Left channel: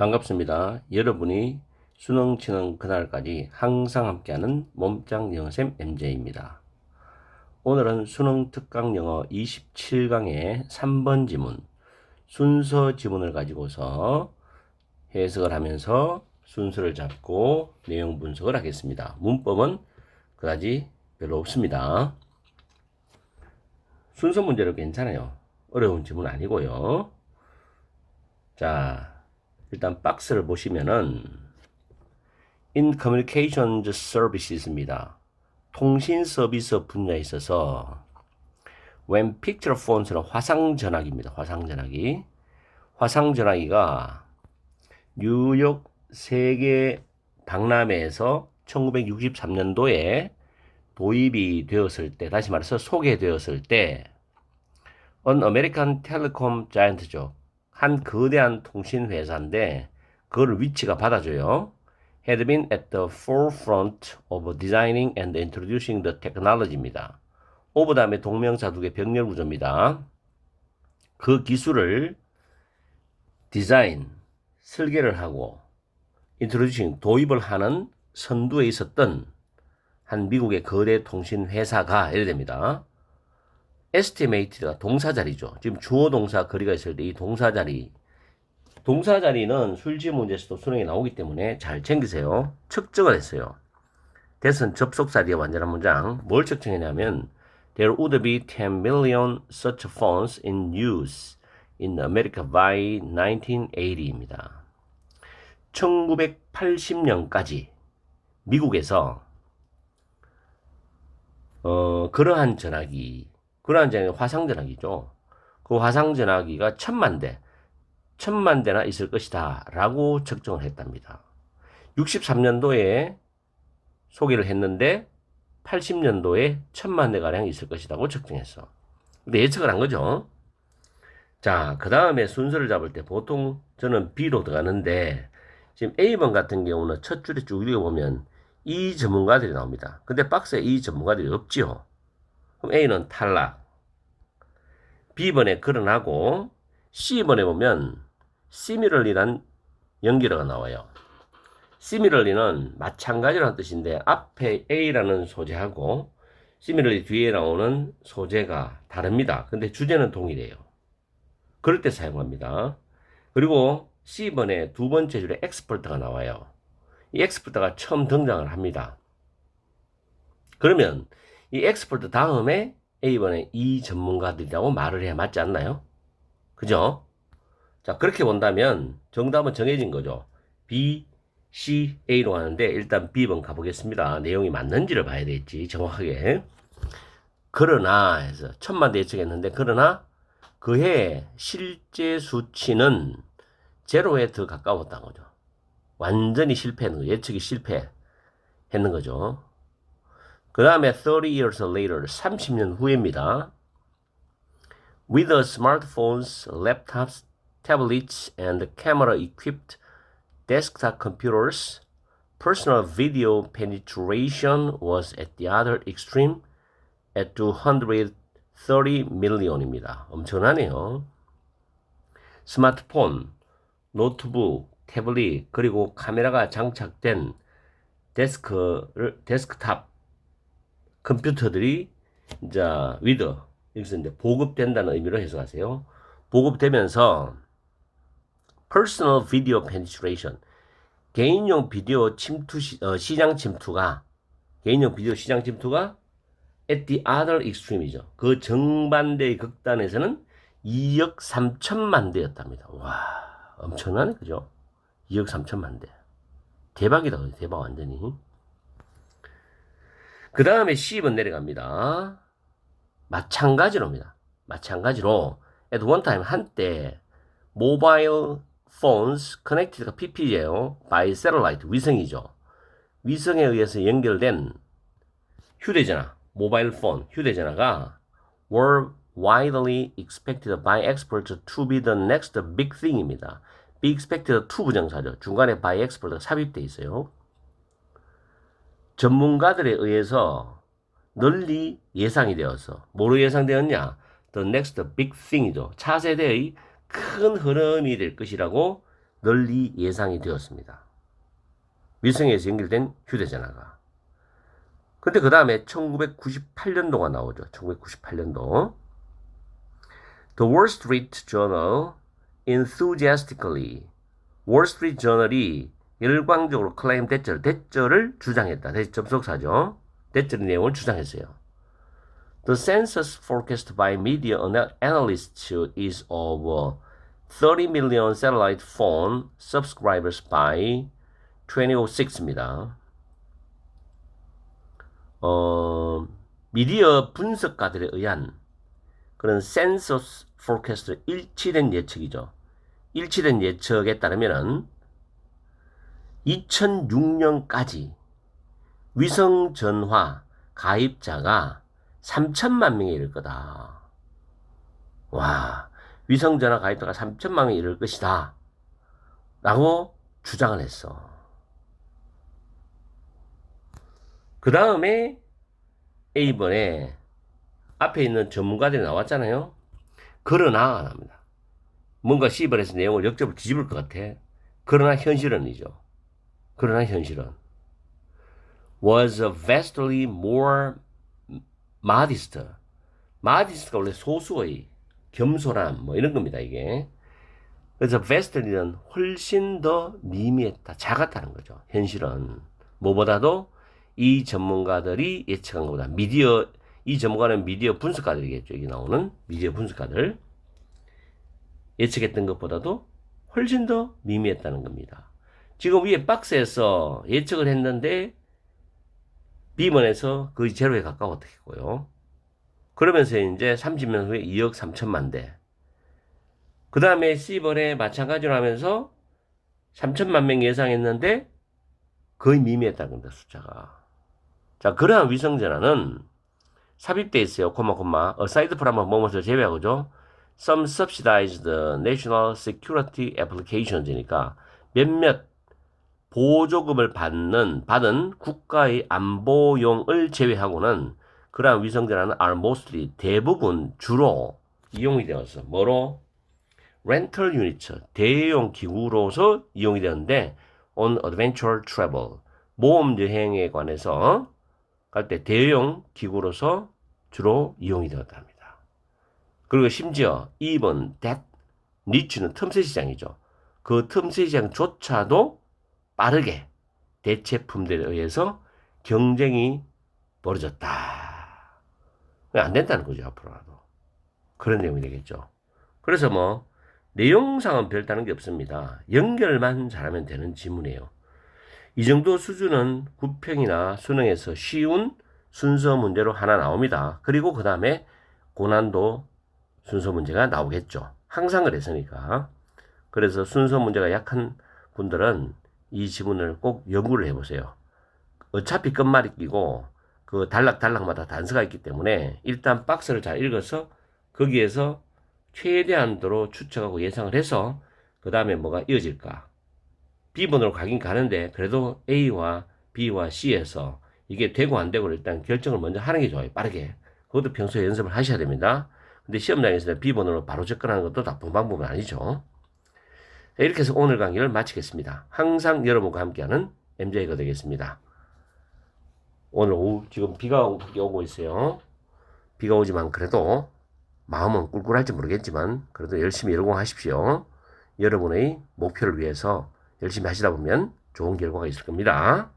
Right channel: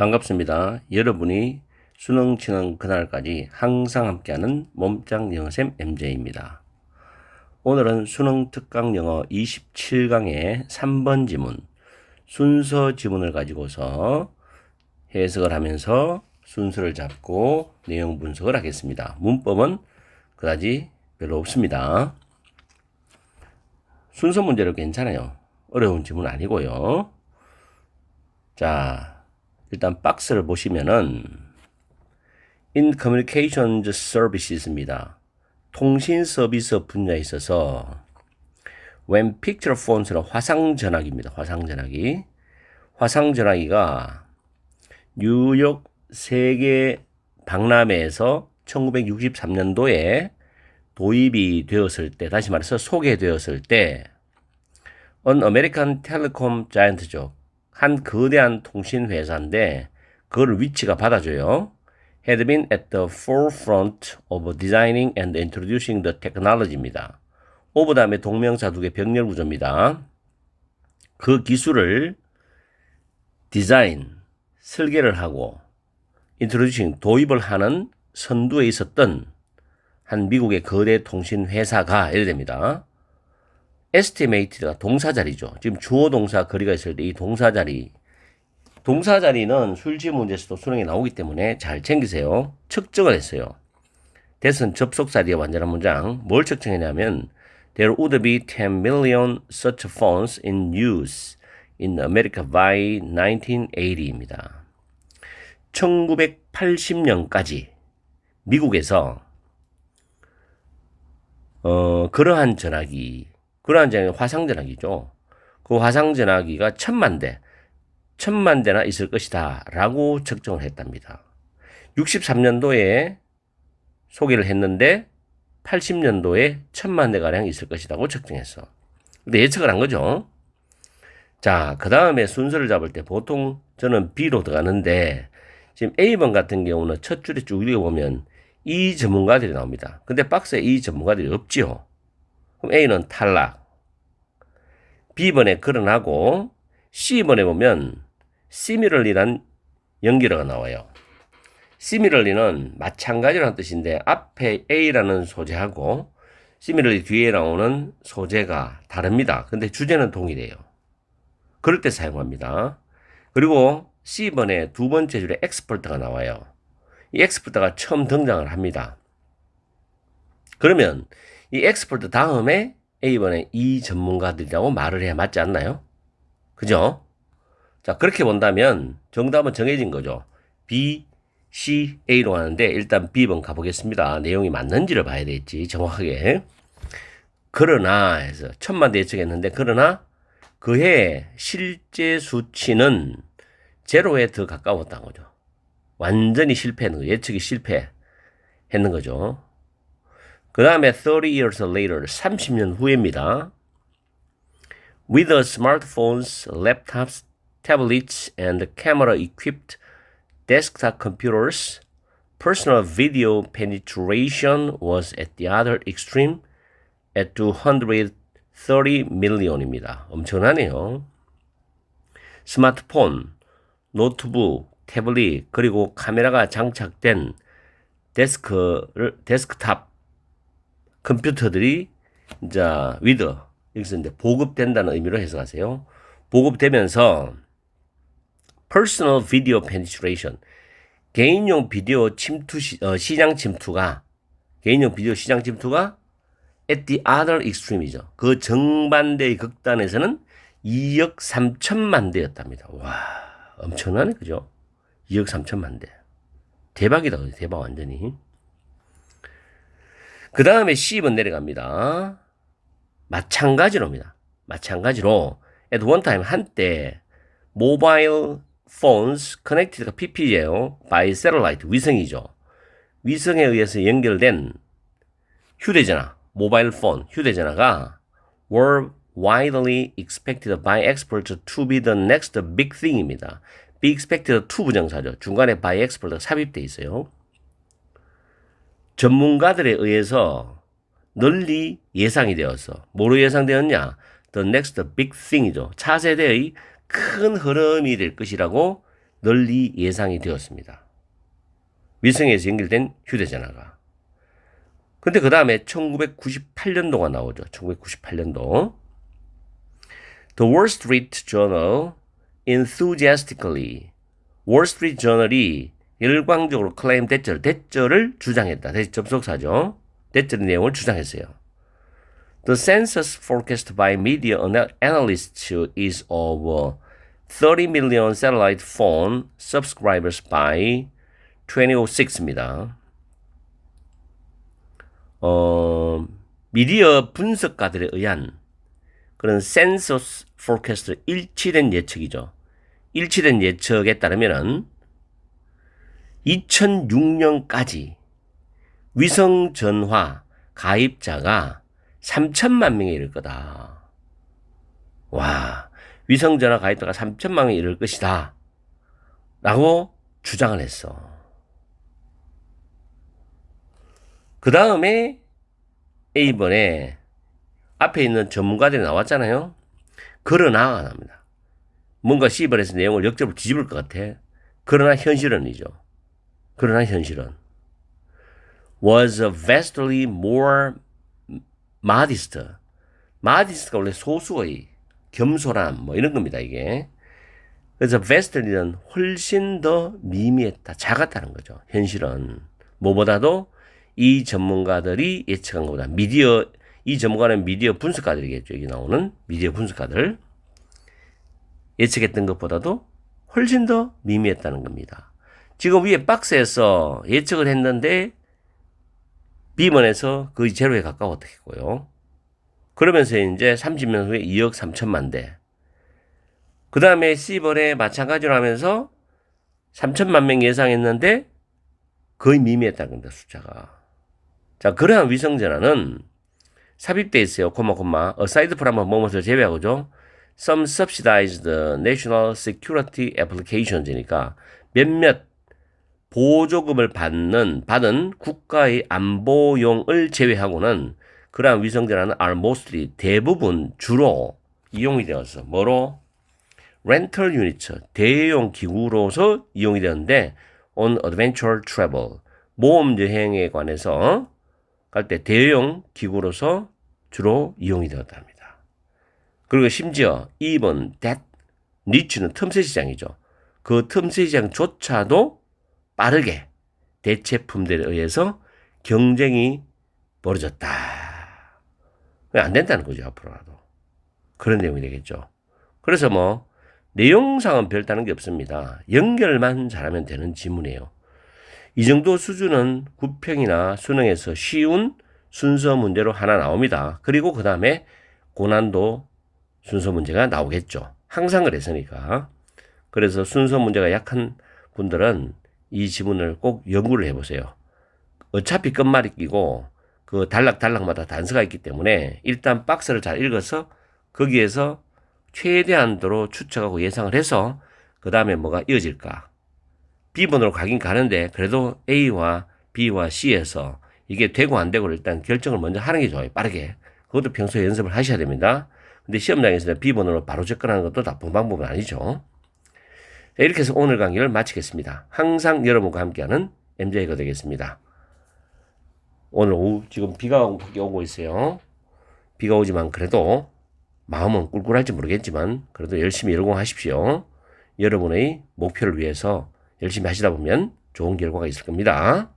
반갑습니다. 여러분이 수능 치는 그날까지 항상 함께하는 몸짱 영어쌤 MJ입니다. 오늘은 수능 특강 영어 27강의 3번 지문, 순서 지문을 가지고서 해석을 하면서 순서를 잡고 내용 분석을 하겠습니다. 문법은 그다지 별로 없습니다. 순서 문제로 괜찮아요. 어려운 지문 아니고요. 자, 일단 박스를 보시면은 In Communications Services입니다. 통신 서비스 분야에 있어서 When Picture Phone스는 화상전화기입니다. 화상전화기. 화상전화기가 뉴욕 세계 박람회에서 1963년도에 도입이 되었을 때, 다시 말해서 소개되었을 때 An American Telecom Giant죠. 한 거대한 통신 회사인데 그걸 위치가 받아줘요. Had been at the forefront of designing and introducing the technology입니다. 오브 다음에 동명사 두 개 병렬 구조입니다. 그 기술을 디자인, 설계를 하고 introducing, 도입을 하는 선두에 있었던 한 미국의 거대 통신 회사가 이래 됩니다. estimated가 동사자리죠. 지금 주어 동사 거리가 있을 때 이 동사자리, 동사자리는 술지 문제에서도 수능에 나오기 때문에 잘 챙기세요. 측정을 했어요. that은 접속사 뒤에 완전한 문장. 뭘 측정했냐면 There would be 10 million such phones in use in America by 1980입니다. 1980년까지 미국에서 그러한 전화기, 화상전화기죠. 그 화상전화기가 1000만 대나 있을 것이다 라고 측정을 했답니다. 63년도에 소개를 했는데 80년도에 1000만 대가량 있을 것이라고 측정했어. 근데 예측을 한 거죠. 자, 그 다음에 순서를 잡을 때 보통 저는 B로 들어가는데 지금 A번 같은 경우는 첫 줄에 쭉 읽어보면 이 전문가들이 나옵니다. 근데 박스에 이 전문가들이 없지요. 그럼 A는 탈락. B번에 거론하고 C번에 보면 similarly란 연결어가 나와요. similarly는 마찬가지라는 뜻인데 앞에 A라는 소재하고 similarly 뒤에 나오는 소재가 다릅니다. 근데 주제는 동일해요. 그럴 때 사용합니다. 그리고 C번에 두 번째 줄에 expert가 나와요. 이 expert가 처음 등장을 합니다. 그러면 이 expert 다음에 A번에 이 전문가들이라고 말을 해야 맞지 않나요? 그죠? 자, 그렇게 본다면 정답은 정해진 거죠. B, C, A로 하는데 일단 B번 가보겠습니다. 내용이 맞는지를 봐야 되겠지, 정확하게. 그러나 해서 1000만 대 예측했는데 그러나 그해 실제 수치는 제로에 더 가까웠다는 거죠. 완전히 실패했는 거죠. 예측이 실패했는 거죠. 그 다음에 30 years later, 30년 후입니다. With the smartphones, laptops, tablets, and camera-equipped desktop computers, personal video penetration was at the other extreme at 230 million입니다. 엄청나네요. 스마트폰, 노트북, 태블릿, 그리고 카메라가 장착된 데스크탑 컴퓨터들이 이제 with 여기서 이제 보급된다는 의미로 해석하세요. 보급되면서 personal video penetration, 개인용 비디오 시장 침투가 at the other extreme이죠. 그 정반대의 극단에서는 2억 3천만 대였답니다. 와, 엄청나네, 그죠? 2억 3천만 대. 대박이다, 대박 완전히. 그 다음에 C번 내려갑니다. 마찬가지로입니다. 마찬가지로 at one time 한때 mobile phones connected가 PP예요. by satellite 위성이죠. 위성에 의해서 연결된 휴대전화, 모바일 폰, 휴대전화가 were widely expected by experts to be the next big thing입니다. be expected to 부정사죠. 중간에 by expert가 삽입되어 있어요. 전문가들에 의해서 널리 예상이 되어서 뭐로 예상되었냐? The next big thing이죠. 차세대의 큰 흐름이 될 것이라고 널리 예상이 되었습니다. 위성에서 연결된 휴대전화가. 근데 그 다음에 1998년도가 나오죠. 1998년도. The Wall Street Journal enthusiastically. 월스트리트 저널이 열광적으로 클레임 대절을 주장했다. 접속사죠. 대절 내용을 주장했어요. The census forecast by media analysts is of 30 million satellite phone subscribers by 2006입니다. 미디어 분석가들에 의한 그런 센서스 포캐스트 일치된 예측이죠. 일치된 예측에 따르면은 2006년까지 위성 전화 가입자가 3천만 명에 이를 거다. 와, 위성 전화 가입자가 3천만 명에 이를 것이다. 라고 주장을 했어. 그 다음에 이번에 앞에 있는 전문가들이 나왔잖아요. 그러나 안 합니다. 뭔가 시벌에서 내용을 역적으로 뒤집을 것 같아. 그러나 현실은이죠. 그러나 현실은 was vastly more modest. modest가 원래 소수의 겸손함 뭐 이런 겁니다. 이게. 그래서 vastly는 훨씬 더 미미했다. 작았다는 거죠. 현실은. 뭐보다도 이 전문가들이 예측한 것보다 이 전문가는 미디어 분석가들이겠죠. 여기 나오는 미디어 분석가들. 예측했던 것보다도 훨씬 더 미미했다는 겁니다. 지금 위에 박스에서 예측을 했는데 B번에서 거의 제로에 가까웠겠고요. 그러면서 이제 30년 후에 2억 3천만 대. 그 다음에 C번에 마찬가지로 하면서 3천만 명 예상했는데 거의 미미했다는 겁니다. 숫자가. 자, 그러한 위성전화는 삽입되어 있어요. aside from 뭐뭐를 제외하고죠. Some subsidized national security applications이니까 몇몇 보조금을 받은 국가의 안보용을 제외하고는 그러한 위성전화는 are mostly 대부분 주로 이용이 되어서 뭐로? rental unit, 대용 기구로서 이용이 되는데 on adventure travel, 모험 여행에 관해서 갈 때 대용 기구로서 주로 이용이 되었답니다. 그리고 심지어 even that niche는 틈새 시장이죠. 그 틈새 시장조차도 빠르게 대체품들에 의해서 경쟁이 벌어졌다. 안 된다는 거죠. 앞으로라도. 그런 내용이 되겠죠. 그래서 뭐 내용상은 별다른 게 없습니다. 연결만 잘하면 되는 지문이에요. 이 정도 수준은 구평이나 수능에서 쉬운 순서 문제로 하나 나옵니다. 그리고 그 다음에 고난도 순서 문제가 나오겠죠. 항상 그랬으니까. 그래서 순서 문제가 약한 분들은 이 지문을 꼭 연구를 해보세요. 어차피 끝말이 끼고 그 단락마다 단서가 있기 때문에 일단 박스를 잘 읽어서 거기에서 최대한도로 추측하고 예상을 해서 그 다음에 뭐가 이어질까. B번으로 가긴 가는데 그래도 A와 B와 C에서 이게 되고 안 되고를 일단 결정을 먼저 하는 게 좋아요. 빠르게. 그것도 평소에 연습을 하셔야 됩니다. 근데 시험장에서 B번으로 바로 접근하는 것도 나쁜 방법은 아니죠. 이렇게 해서 오늘 강의를 마치겠습니다. 항상 여러분과 함께하는 MJ가 되겠습니다. 오늘 오후 지금 비가 오고 있어요. 비가 오지만 그래도 마음은 꿀꿀할지 모르겠지만 그래도 열심히 열공하십시오. 여러분의 목표를 위해서 열심히 하시다 보면 좋은 결과가 있을 겁니다.